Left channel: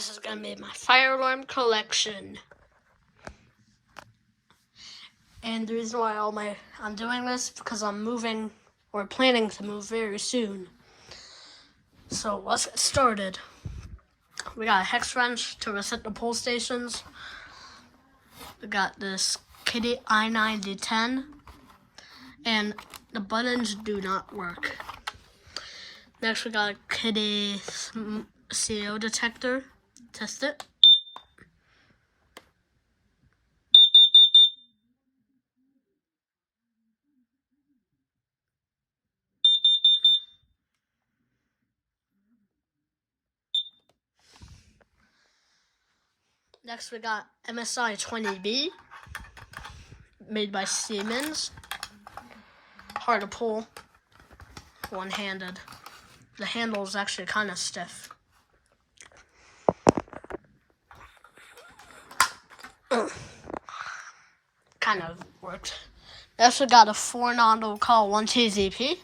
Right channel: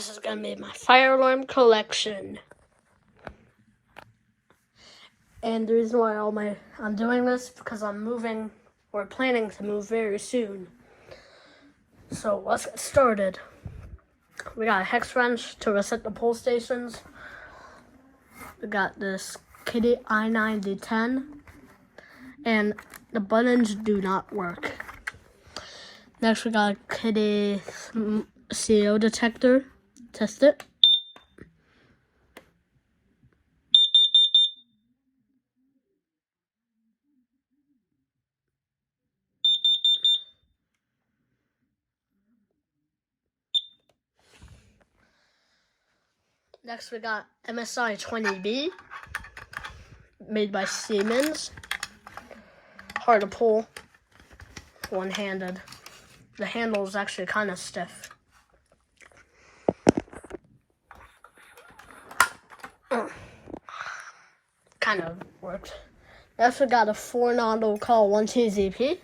this is going to be my fire alarm collection. And the reason why I'm doing this is because I'm moving, or planning to move very soon. So let's get started. We got a hex wrench to reset the pull stations. We got this Kitty i9010. And the buttons do not work. Next we got a Kitty CO detector. Test it. Next we got MSI 20B, made by Siemens. Hard to pull, one-handed. The handle is actually kind of stiff. Kind of worked. Next we got a 4-nozzle call 1TZP.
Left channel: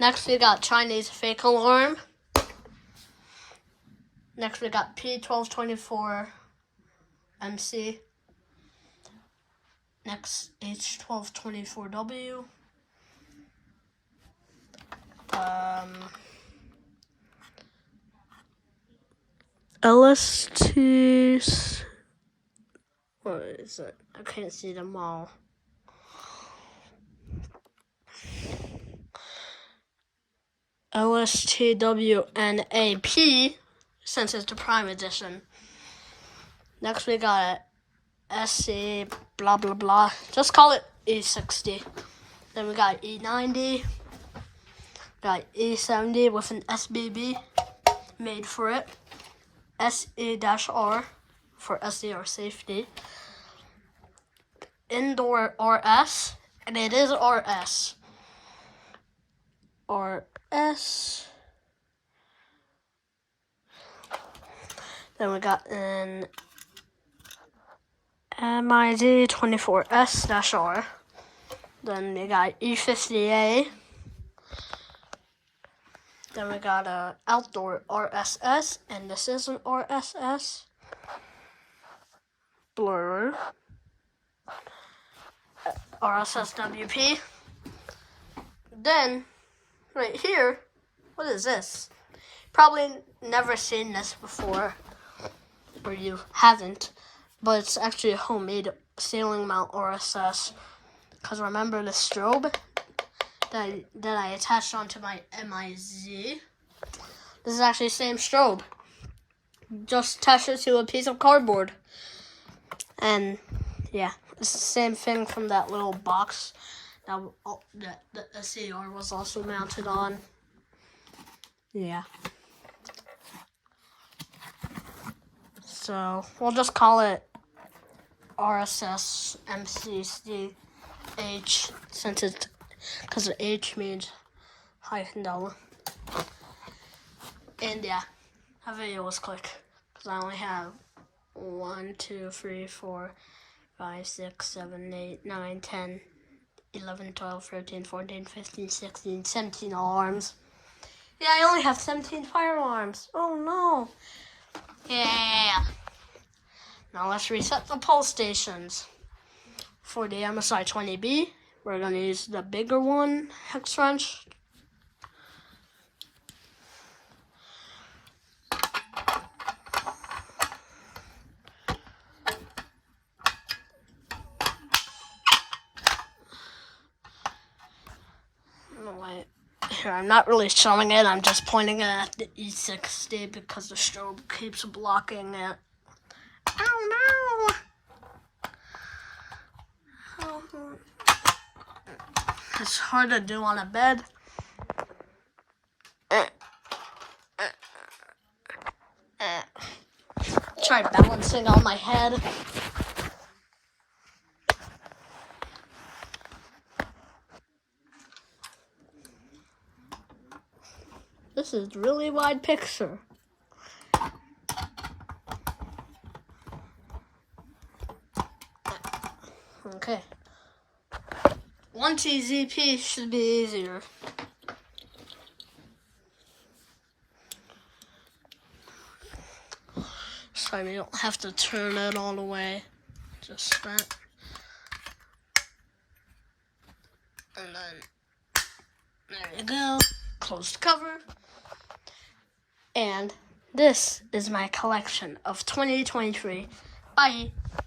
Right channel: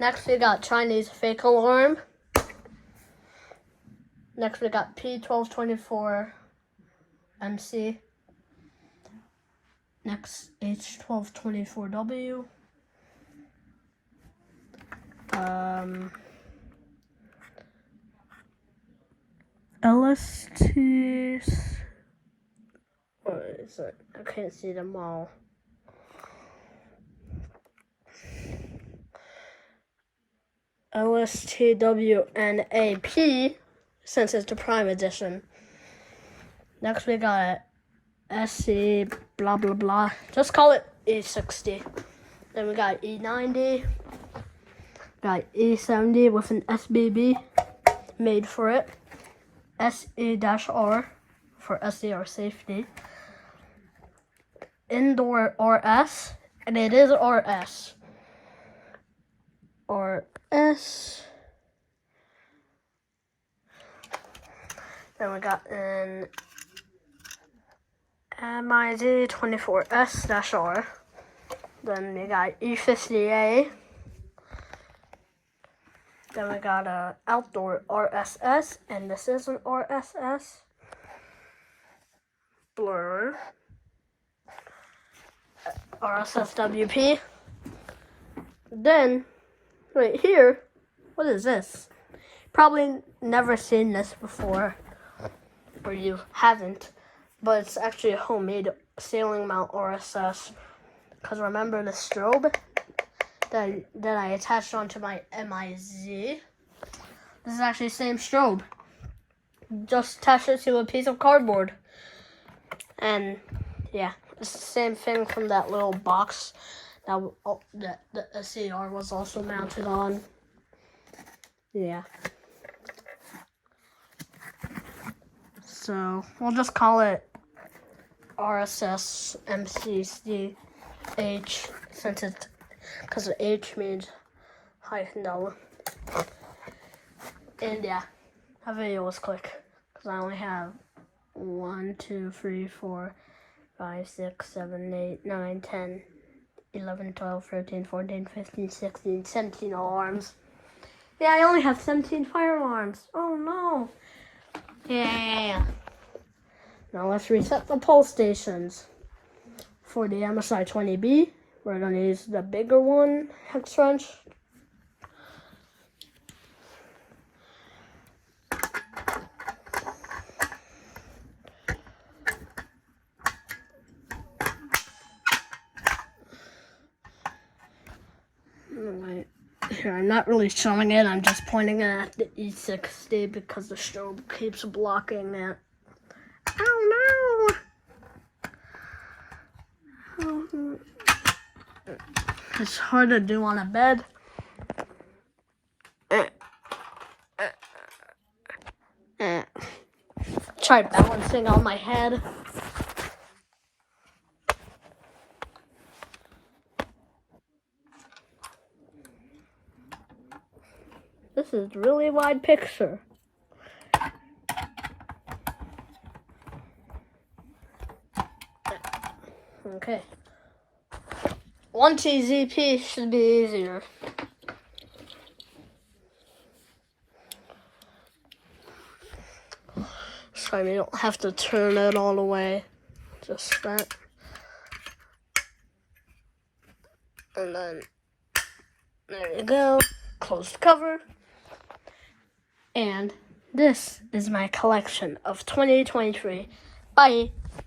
Next we got Chinese fake alarm. Next we got P1224 MC. Next H1224W. LST. What is it? I can't see them all. LSTWNAP, since it's the Prime Edition. Next we got SC blah blah blah. Just call it E60. Then we got E90. Got E70 with an SBB made for it. SE-R for SDR safety. Indoor RS, and it is RS. RS. Then we got an MIZ24S-R. Then we got E50A. Then we got a outdoor RSS, and this is an RSS. Blur. RSSWP. Then, right here, what is this? Probably never seen this before, or you haven't, but it's actually a homemade ceiling mount RSS. Because remember the strobe that I attached onto my MIZ? This is actually the same strobe. Just attach it to a piece of cardboard. And yeah, it's the same thing from that little box that the SCR was also mounted on. Yeah. So we'll just call it RSS MCCH since it's because the H means high fidelity. And yeah, that video was quick because I only have 1, 2, 3, 4, 5, 6, 7, 8, 9, 10, 11, 12, 13, 14, 15, 16, 17 alarms. Yeah, I only have 17 fire alarms. Oh no. Yeah. Now let's reset the pull stations. For the MSI 20B, we're going to use the bigger one, hex wrench. Here, I'm not really showing it, I'm just pointing it at the E60 because the strobe keeps blocking it. Oh no! It's hard to do on a bed. Try balancing on my head. This is a really wide picture. Okay. 1TZP should be easier. So you don't have to turn it all the way. Just that. And then, there you go. Close the cover. And this is my collection of 2023. Bye.